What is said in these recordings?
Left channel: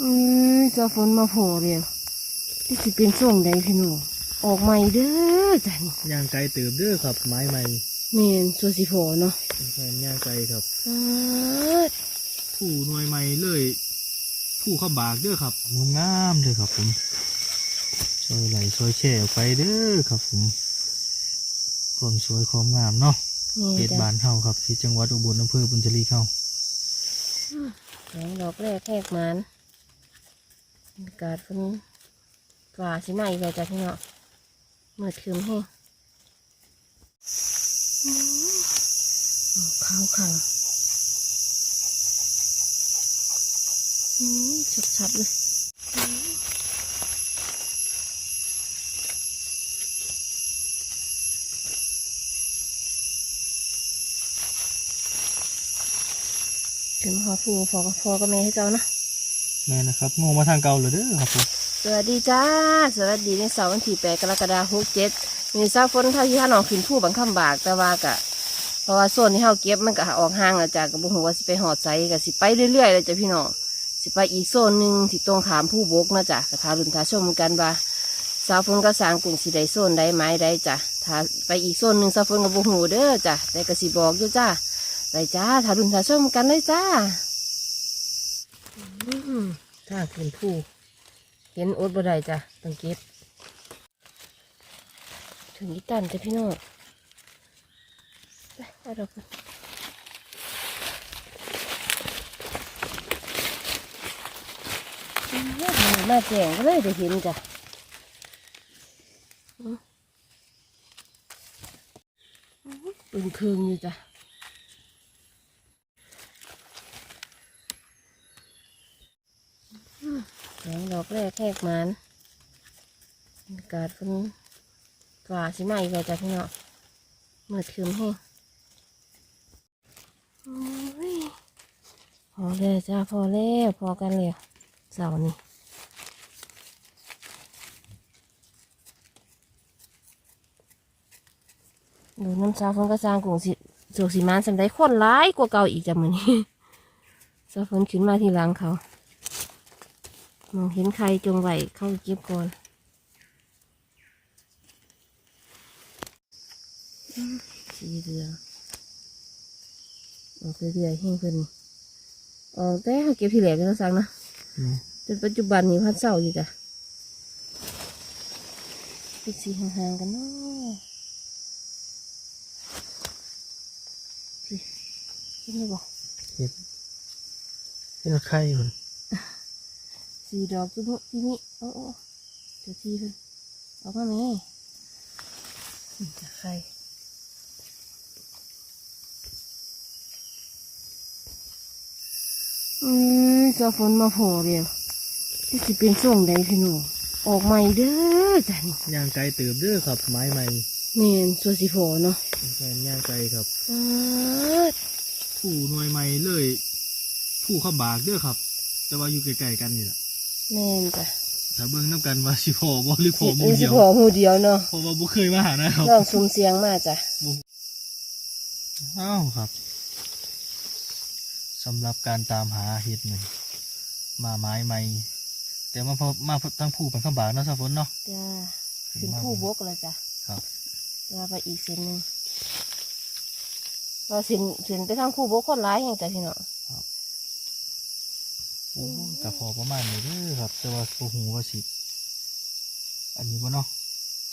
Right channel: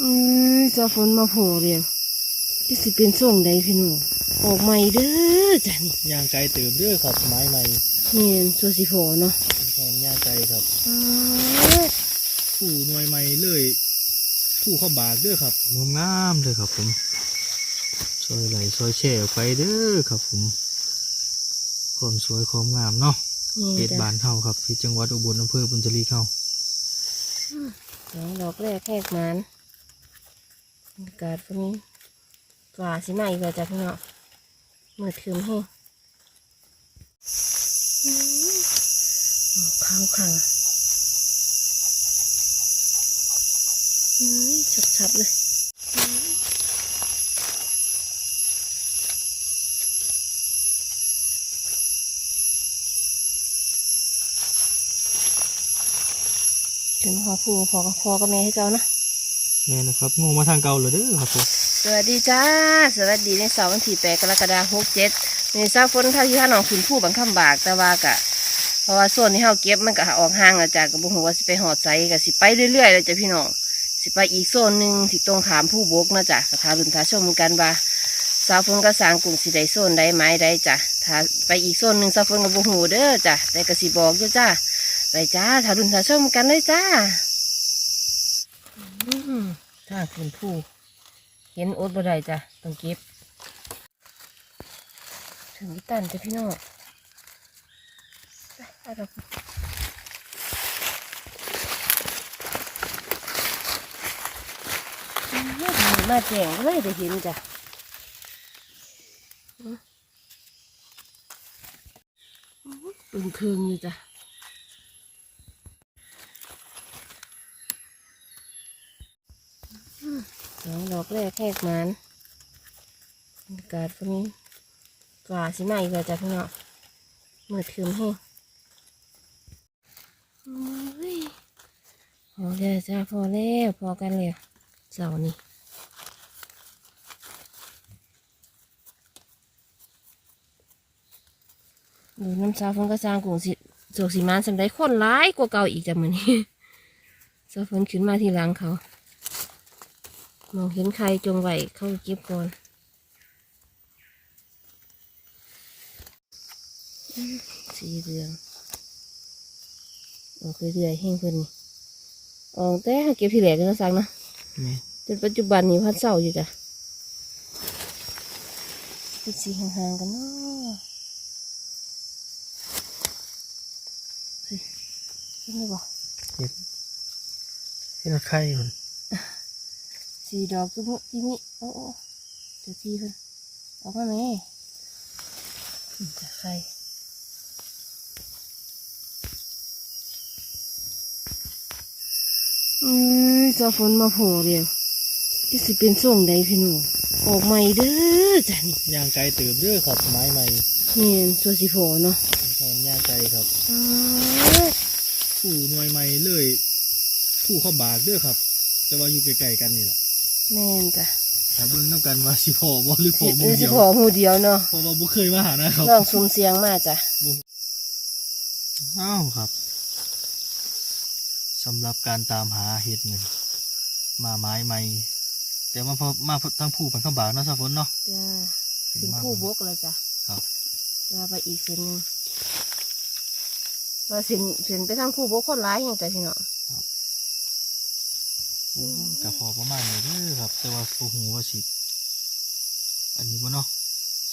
เอ้ยจะฝนมาโผล่เดียวที่สิเป็นส่งใดพี่หนูออกใหม่เด้อจ้ะนี่ย่างไกลเติมเด้อครับ ไม้ใหม่เนียนตัวสิโผล่เนาะแฟนย่างไกลครับอ้าดผู้หน่วยใหม่เลยผู้ข้าบากเด้อครับงามงามๆเด้อครับ ผมซอยไหลซอยแช่ออกไปเด้อครับ ผมความสวยความงามเนาะนี่เป็ดจ้ะบานเฮาครับที่จังหวัดอุบลอำเภอบุญจรีเฮาสองดอกแรกแหกมันบรรยา กาศวันนี้ฝ่าสิไหนเลยจะพี่เนาะมืดคืมหัวอื้าวขังเฮ้ยชัดๆเลยถึงพอพูพอกับพอกับแม่ให้เจ้านะ แม่นะครับงงมาทางเก่าเลยเด้อครับผมสวัสดีจ้า สวัสดีในเสาร์วันที่แปดกรกฎาคมหกเจ็ดนี่ซาฝนข้าที่ข้าน้องขึ้นผู้บังคับบากแต่ว่ากะ เพราะว่าส่วนที่เฮาเก็บมันก็ออกห่างจ้ะกับบุหัวสิไปหอดไซก็สิไปเรื่อยๆเลยจ้ะพี่น้องสิไปอีกโซนหนึ่งที่ตรงขามผู้บกนะจ้ะก็ทารุนทาชมกันว่าสาวฝนก็สางกลุ่มสิได้โซนใดไม้ใดจ้ะถ้าไปอีกโซนหนึ่งสาวฝนกับบุหูเด้อจ้ะแต่ก็สิบอกอยู่จ้าไปจ้าทารุนทาชมกันเลยจ้า ถ้าเป็นผู้เห็นอดบ่ได้จ้ะต้องเก็บ ถึงอีตันจ้ะพี่น้องไปเอามาแจงก็ไม่ได้เห็นจ้ะเป็นเครื่องอยู่จ้ะ ส ออกแรกแหกมันกาศวันนี้ฝ่าสิไหนเลยจ้ะพี่เนาะมืดคืมหัวโอ้พอแล้วจ้าพอแล้วพอกันแล้วเสาร์นี้ดูน้ำชาฝนก็สร้างกลุ่มสิโศกสีมันสำได้คนร้ายกว่าเก่าอีกจ้ะมือนี้สาฝนขึ้นมาทีหลังเขา มองเห็นใครจงไหวเข้าไปเก็บก่อนอืมสีเหลืองออกเรื่อยๆแห้งเพิ่นนี่ออกแต่เก็บทีแหลกก็สั่งนะแม่จนปัจจุบันนี้พัดเศร้าอยู่จ้ะเป็นสีห่างๆกันเนาะสิเห็นไหมบอกเห็ดเห็ดไข่คน สีดอกที่มุที่นี่โอ้โอ้เจะทีเพิ่นออกมาไหมอืมจะใครเอ้ยจะฝนมาโผล่เดียวที่สิเป็นส่งใดพี่หนูออกใหม่เด้อจ้ะนี่ย่างไกลเติมเด้อครับ ไม้ใหม่เนียนตัวสิโผล่เนาะแฟนย่างไกลครับอ้าดผู้หน่วยใหม่เลย ผู้ข้าบากเด้อครับ แต่ว่าอยู่ใกล้ๆกันนี่แหละ แม่นจ้ะถ้าเบิ่งน้ำกันว่าสิพอบ่หรือพอเอมืออสิเดียวโผล่หมูเดียวเนาะเพราะว่าบ่เคยมาหานะครับลองซุ่มเสียงมาจ้ะอ้าวครับสำหรับการตามหาเห็ดเงินมาไม้ใหม่ แต่มาพอมาทั้งผู้เป็นข้าบากเนาะสะฝนเนาะจ้าเป็นผู้บกเลยจ้ะครับ จ้าไปอีกเส้นหนึ่งว่าเส้นเส้นไปทางผู้บกคนร้ายอย่างจ้ะพี่เนาะโอ้ กับพอประมาณนี้เด้อครับ แต่ว่าบ่ฮู้ว่าสิอันนี้บ่เนาะ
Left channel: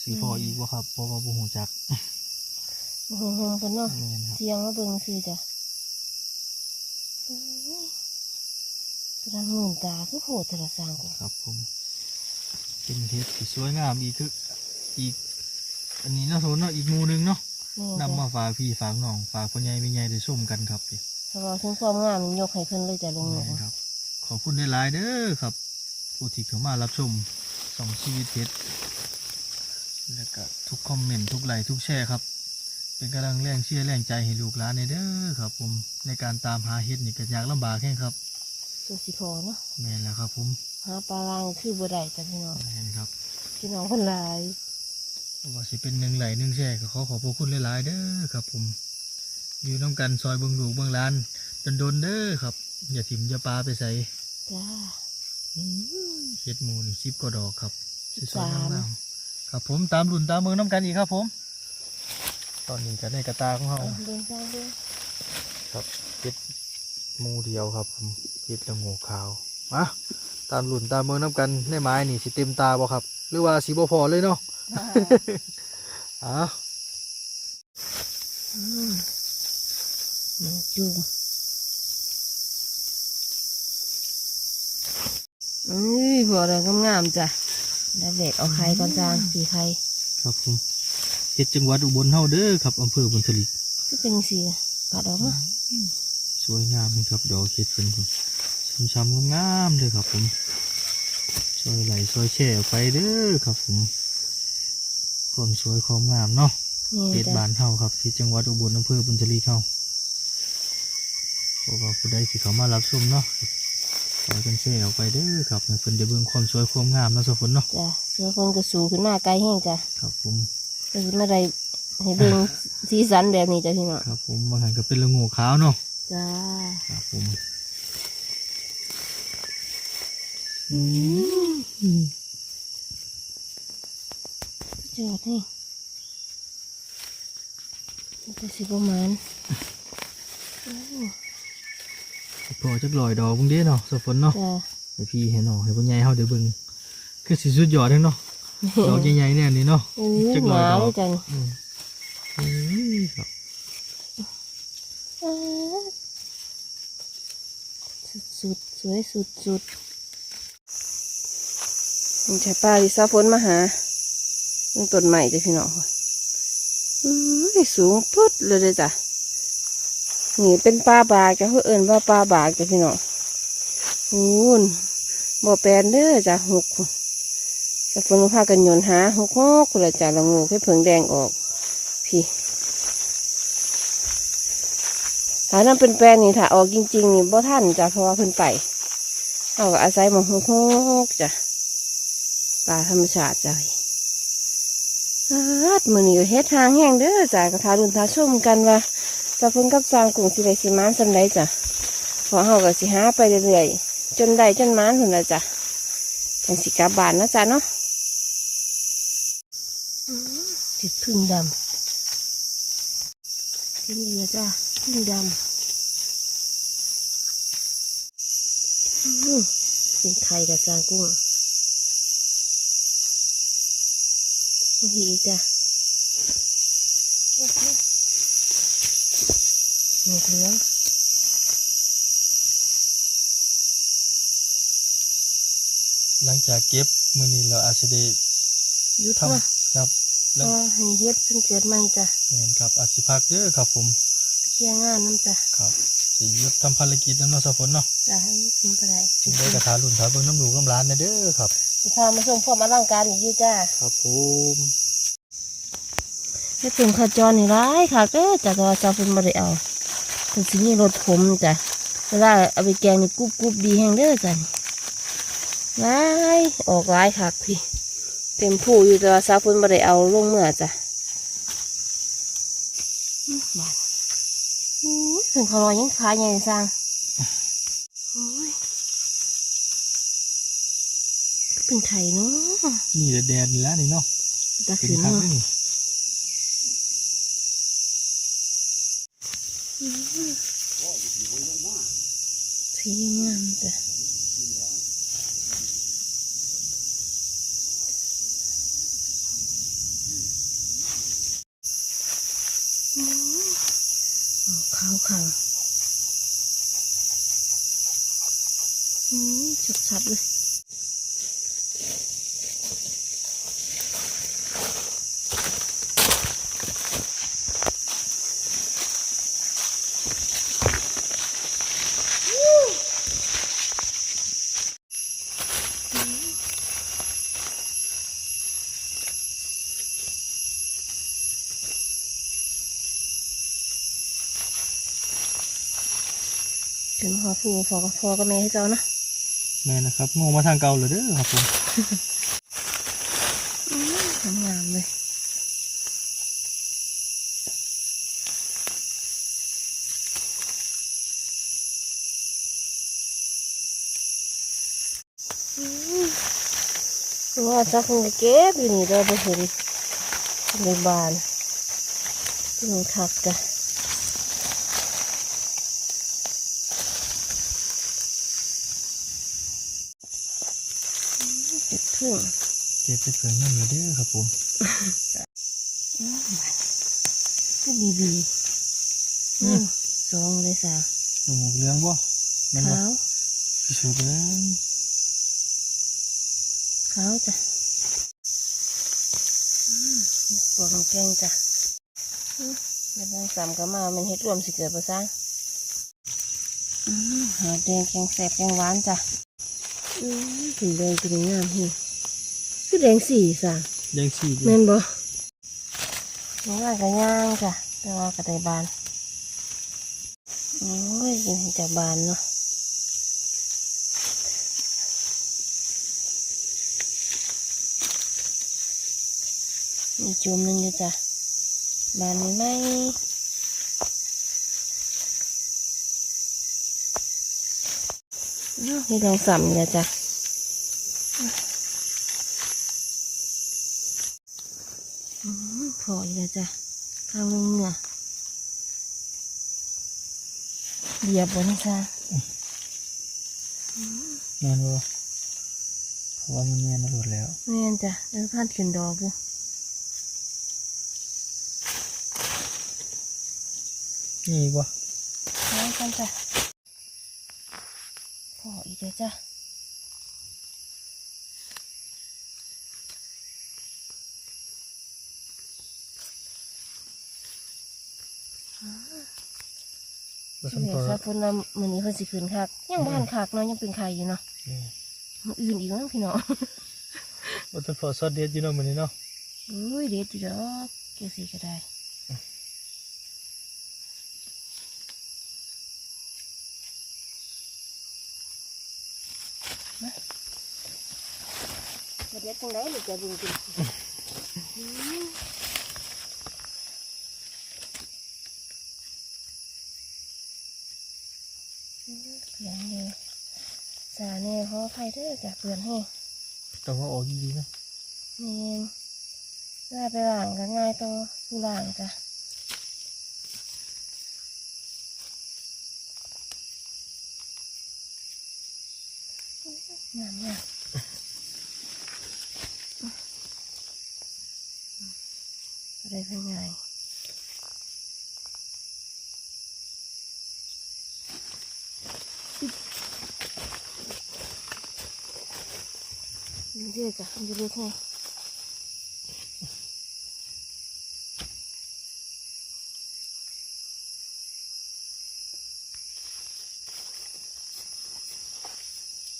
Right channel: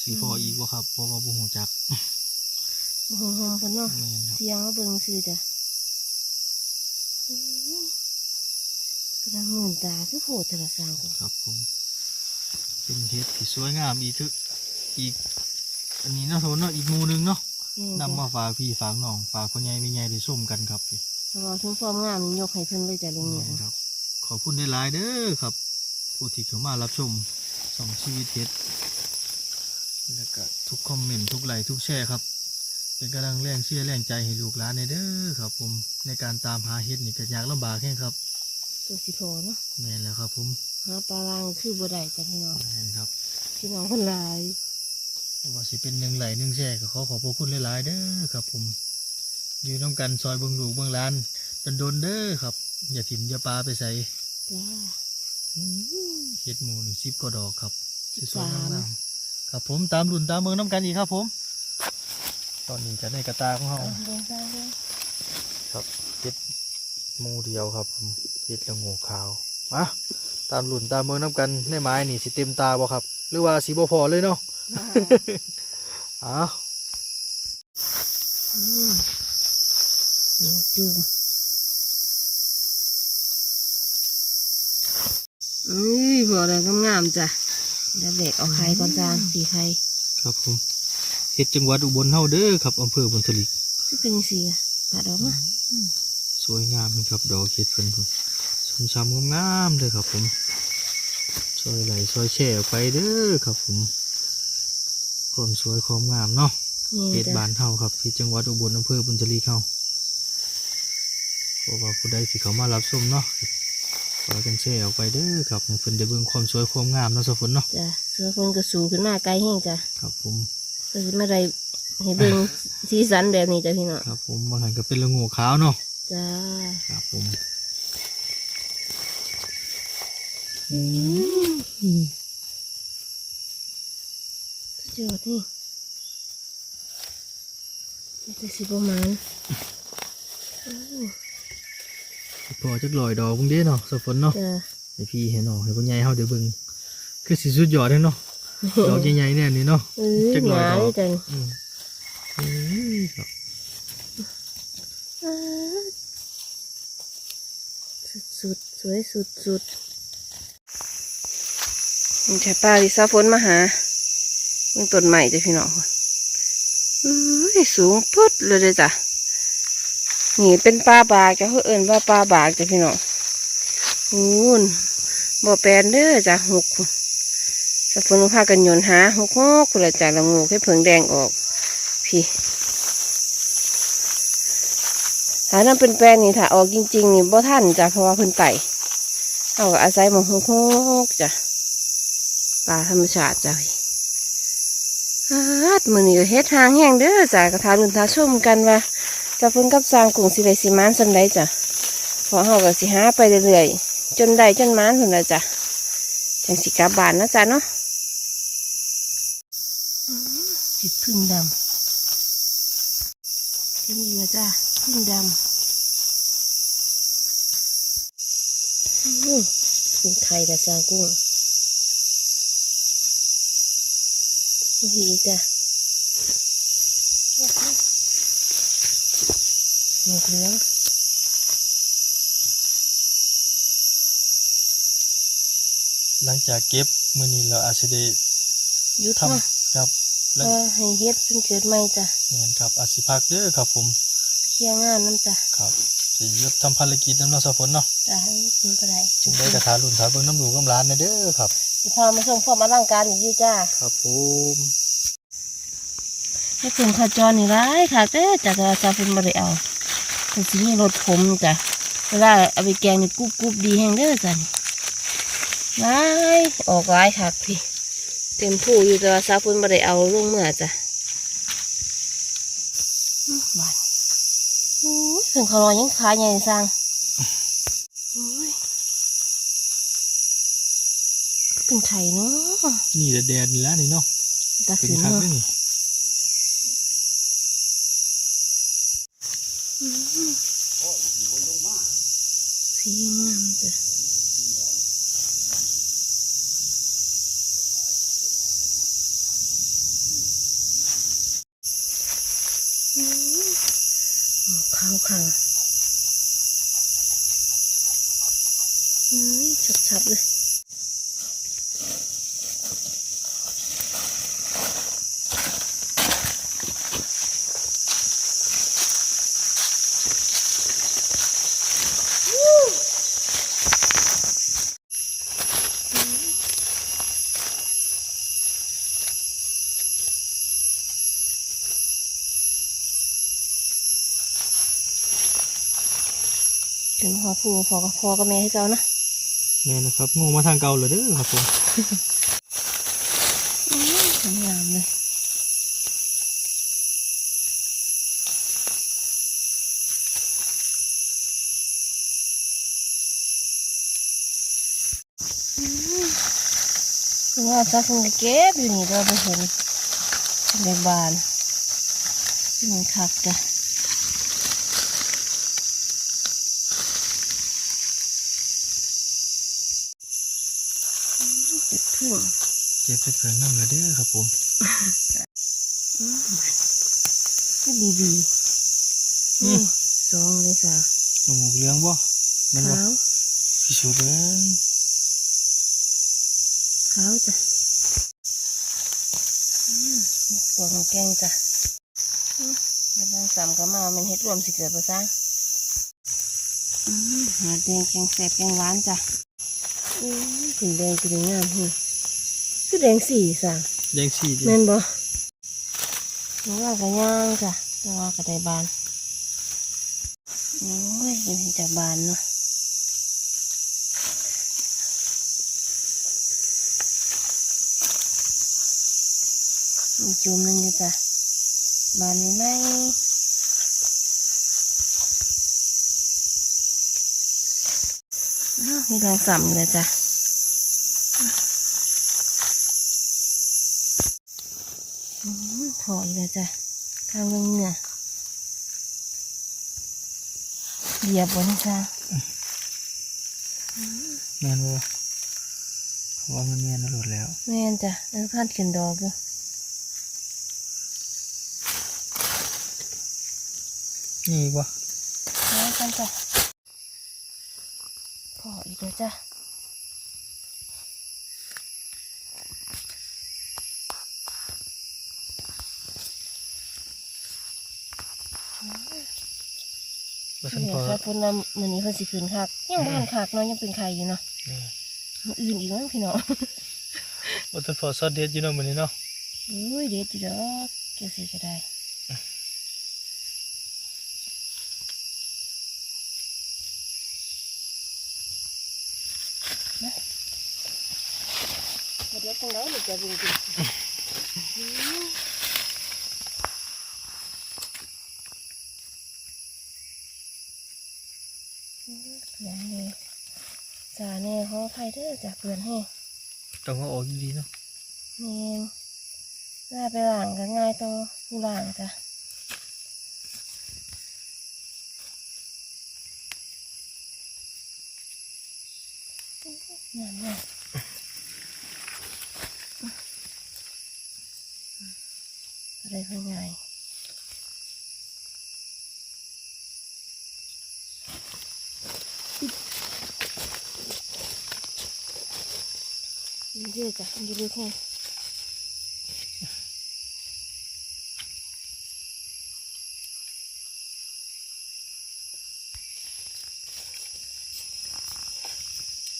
สิพออีกบ่ครับเพราะว่าบ่ฮู้จักโอ้โหโหเพิ่นเนาะแม่นครับเสียงมาเบิ่งซื่อจ้ะโอ้ยกระดังเงินตาคือโผล่แต่ละสร้างกูครับผมเป็นเห็ดที่สวยงามอีกทึกอีก อันนี้เนาะสมมุติเนาะอีกหมู่หนึงเนาะนี่นำจ้ะมาฝากพี่ฝากน้องฝากพ่อใหญ่แม่ใหญ่ได้ชมกันครับพี่ถ้าเราถึงความงามนี่ยกให้เพิ่นเลยจ้ะลุงหนู แม่นครับ ขอบคุณหลายๆเด้อครับ ผู้ที่เข้ามารับชมสองชีวิตเพชรแล้วก็ทุกคอมเมนต์ทุกไลค์ทุกแชร์ครับ เป็นกำลังแรงเชื่อแรงใจให้ลูกหลานในเด้อครับ ผมในการตามหาเห็ดนี่ก็ยากลำบากแค่ครับตัวสิพอเนาะแม่นแล้วครับ ผมหาปลาลางคือบ่ได้จ้ะพี่น้องแม่นครับพี่น้องคนหลายว่าสิเป็นหนึ่งไหลหนึ่งแชร์ก็ขอขอบพระคุณหลายๆเด้อครับ ผม อยู่น้ำกันซอยเบิงลูกเบิงหลานจนโดนๆเด้อครับ อย่าถิ่มอย่าปลาไปใส่จ้าอื้อเห็ดหมูนี่สิบกว่าดอกครับสิบสวยสามๆงามๆครับผมตามรุ่นตามเมืองน้ำกันอีกครับผม ตอนนี้จะได้กระตาของเราเอาเดินทางด้วยครับเห็ดหมูเดียวครับผมเห็ดละโงูขาวมาตามรุ่นตามเมืองน้ำกันในไม้นี่สิเต็มตาบ่ครับ หรือว่าสีบ่พอเลยเนาะอ้าวอืมยังจู อุ้ยบอกเลยงามๆจ้ะแล้วเด็กเอาไข่ก่อนจ้าสีไข่ครับผมเห็ดจังหวัดอุบลเฮาเด้อครับอำเภอบุญทลิกที่เป็นสีอะตัดออกนะสวยงามเลยครับดอกเห็ดเพิ่นพุ่นช้ำๆงามๆเลยครับ ผมซอยไหลซอยแช่ออกไปเด้อครับ ผมความสวยความงามเนาะนี่เขตจ้ะบ้านเฮาครับที่จังหวัดอุบลอำเภอบุญทลีเฮาเพราะว่าผู้ใดที่เขามารับชมเนาะ ขอกันแชร์ออกไปเด้อครับให้เพิ่นได้เบิ่งความสวยความงามเนาะสะฝนเนาะจ้ะเสือคนก็สูงขึ้นมาไกลแห้งจ้ะครับผมก็คือไม่ได้ให้เบิ่งสีสันแบบนี้จ้ะพี่น้องครับผมบางหันก็เป็นละโงูขาวเนาะจ้าครับผมจุดนี่นี่จะสิประมาณอู้ พอจักลอยดอกเบิ่งเด้เนาะสะฝนเนาะจ้ะให้พี่ให้น้องให้พ่อใหญ่เฮาได้เบิ่งคือสิสุดยอดเลยเนาะดอกใหญ่ๆแน่นี่เนาะ อู้จักหลอยนาดอกเลยจ้ะอืมอืมครับสุดๆสวยสุดสุดมันใช่ป้าลิซาฝนมาหาเบิ่งต้นใหม่จ้ะพี่น้องอุ้ยสูงปุ๊ดเลยเด้อจ้ะ นี่เป็นปลาบากจะเขาเอิ่นว่าปลาบากจะพี่น้องอู้นบ่แปลนเด้อจ้ะหกสะฝนพากันโยนหาหกหกคุณละจ้ะละงูให้เผิงแดงออก พี่ถ้านั่นเป็นแปลนนี่ถ้าออกจริงๆนี่บ่ทันจ้ะเพราะว่าเพิ่นไต่เอาอาศัยมองหกหกจ้ะปลาธรรมชาติจ้ะพี่อาดมือนี้ก็เฮ็ดทางแห้งเด้อจ้ะกระทารุนทาชุ่มกันว่า จะเพิ่นกับสร้างกรุงสิได้สิมานสันใดจ้ะเพอเฮาก็สิหาไปเรื่อยๆจนได้จนมานพุ่นละจ้ะจังสิกลับบ้านนะจ้ะเนาะเห็ดพึ่งดำที่นี่ละจ้ะพึ่งดำอื้อเป็นไข่แต่สร้างกุ้งมาอีกจ้ะ หมกเหลืองหลังจากเก็บมื้อนี้เราอาจสิได้หยุดทำว่าครับเพแล้วราะว่าให้เฮ็ดเพิ่งเกิดใหม่จ้ะแม่นครับอาจสิพักเด้อครับผมเพียงงานน้ำจ้ะครับสิหยุดทำภารกิจน้ำเนอสะฝนเนาะจ้ะให้กินไปได้จึงได้กระทารุ่นทาเบิ่งน้ำดูกำร้านนะเด้อครับ พามาชมความอลังการอีกอยู่จ้าครับผมให้เพิ่งขจรนี่ร้ายค่ะเด้อจ้ะแต่ว่าจะเป็นบ่ได้เอา เป็นสิมีรถผมจ้ะเวลาเอาไปแกงนี่กรุบกรุบดีแห้งเด้อจ้ะนี่ร้ายออกร้ายค่ะพี่เต็มผู้อยู่แต่ว่าซาฟุนบ่ได้เอาลงเมื่อจ้ะอื้อบาดโอ้ยเพิ่งเขาลอยยังขาใหญ่สร้างโอ้ยเป็นไข่เนาะนี่แดดๆนี่ละนี่เนาะตาเป็นขึ้นคักเนาะ เด้อนี่ สีงามจ้ะโอ้ขาวขาวเฮ้ยชับๆเลย ถึงพอฟูพอกับพอกับแม่ให้เจ้านะแม่นะครับงงมาทางเก่าเลยเด้อครับผมทำงามเลยว่าซักคงเก็บอยู่นี่เราไปเห็นในบ้านที่มันคักจ้ะเก็บ พึ่งเก็บไปเผื่อน้ำละเด้อครับผมดีดีอืมสองเลยสาวหนูหมูเลี้ยงบ่แมันบ่ขาวพิสูจน์เลยขาวจ้ะอืมปวดของแกงจ้ะอืมแล้วบางสามก็มา มันเฮ็ดรวมสิเกิดภาษาอืมหาแดงแกงแสบแกงหวานจ้ะอืมถึงแดงจะได้งามนี่ คือแดงสีสันแดงสีเดียแม่วนบ่น้องว่ากระย่างจ้ะแต่ว่ากระไดบานโอ้ยเป็นจะบานเนาะมีจุ่มหนึงอยู่จ้ะบานนี้ไหนอ้าวนี่แดงส่ำเลยจ้ะ อื มพออีกแล้วจ้ะข้างลงเหนือเหยียบบนจ้ะแม่นบ่เพราะว่ามันแม่นอรดแล้วแม่นจ้ะแล้วพาดขึ้นดอกอยู่นี่อีกบ่แล้วกันจ้ะพออีกแล้วจ้ะ บ่ทันเดี๋พยอวครับเพิ่นว่ามื้อนี้เพิ่นสิขึ้นคักยังบ้านคักเนาะยังเป็นไข่อยู่เนาะนี่มื้ออื่นอีกมั้งพี่น้องบ่ทันพอซอสเด็ดอยู่เนาะมื้อนี้เนาะอุ้ยเด็ดจีดอกเกี่ยวสิก็ได้มามาเด็ดตรงไหนหรือจะบึงกินอืมเพื่อนเลยจ่าแน่ ขออภัยเด้อจ้ะเพื่อนให้ต้องเอาออกดีๆเนาะเมนหน้าไปหลังก็ง่ายตัวผู้หลังจ้ะงามเนี่ยอะไรเพื่อนไง เด้อจ้ะมันจะเลือกแค่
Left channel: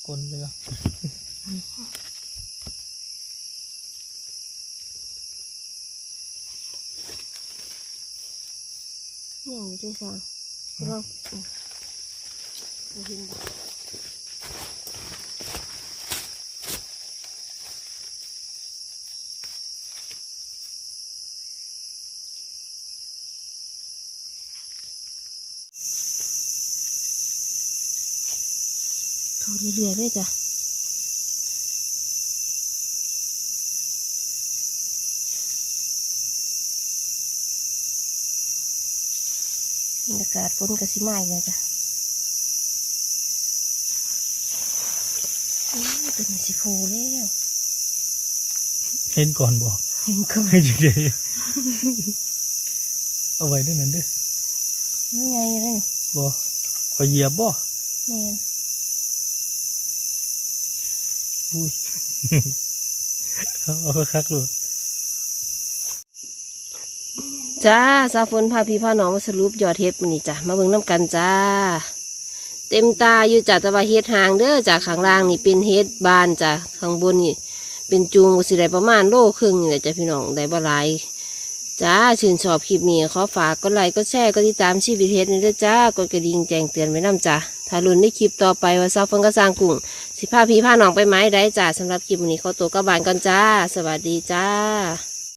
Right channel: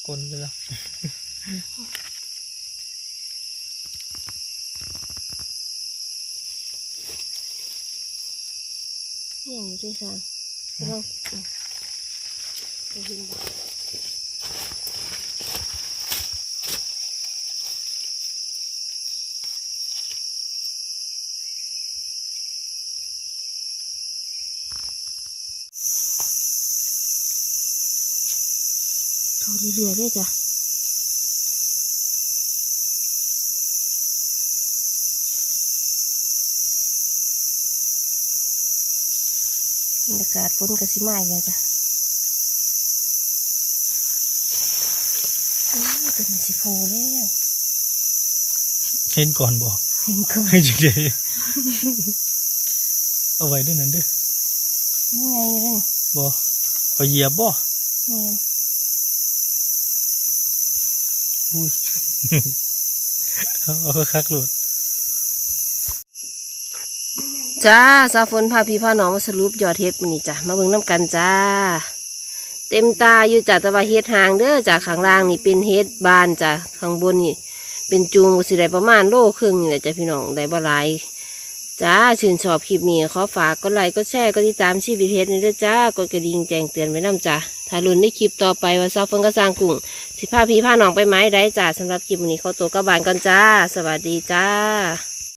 กลนไปแล้วเนี่ยอยู่ด้วยซ้ำลองอืมไปเห็นบ่เข เรื่อยๆเลยจ้ะบรรยากาศฝนกระสิมาอีกแล้วจ้ะโอ้ยเป็นสิโพแล้วเห็นก่อนบ่เห็นก่อนให้จังได๋เอาไว้ด้วยนั่นเด้อนี่ไงเลยบ่ขอยเหยียบบ่แม่น อุ้ยเอาคักๆโลดจ้าซาฝนพาพี่พาน้องมาสรุปยอดเฮ็ดมื้อนี้จ้ะมาเบิ่งน้ำกันจ้า เต็มตาอยู่จ้ะแต่ว่าเฮ็ดหางเด้อจากข้างล่างนี่เป็นเฮ็ดบานจ้ะข้างบนนี่ เป็นจูงก็สิได้ประมาณโลครึ่งนี่แหละจ้ะพี่น้องได้บ่หลายจ้าชื่นชอบคลิปนี้ขอฝากกดไลค์กดแชร์กดติดตามชีวิตเฮ็ดนี่ด้วยจ้ากดกระดิ่งแจ้งเตือนไว้นํจ้ะถ้าลุ้นในคลิปต่อไปว่าซาฝนก็สร้างกุ้ง สิพาพี่พาน้องไปไม้ได้จ้าสำหรับคลิปมื้อนี้ขาตัวก็บานก่อนจ้า สวัสดีจ้า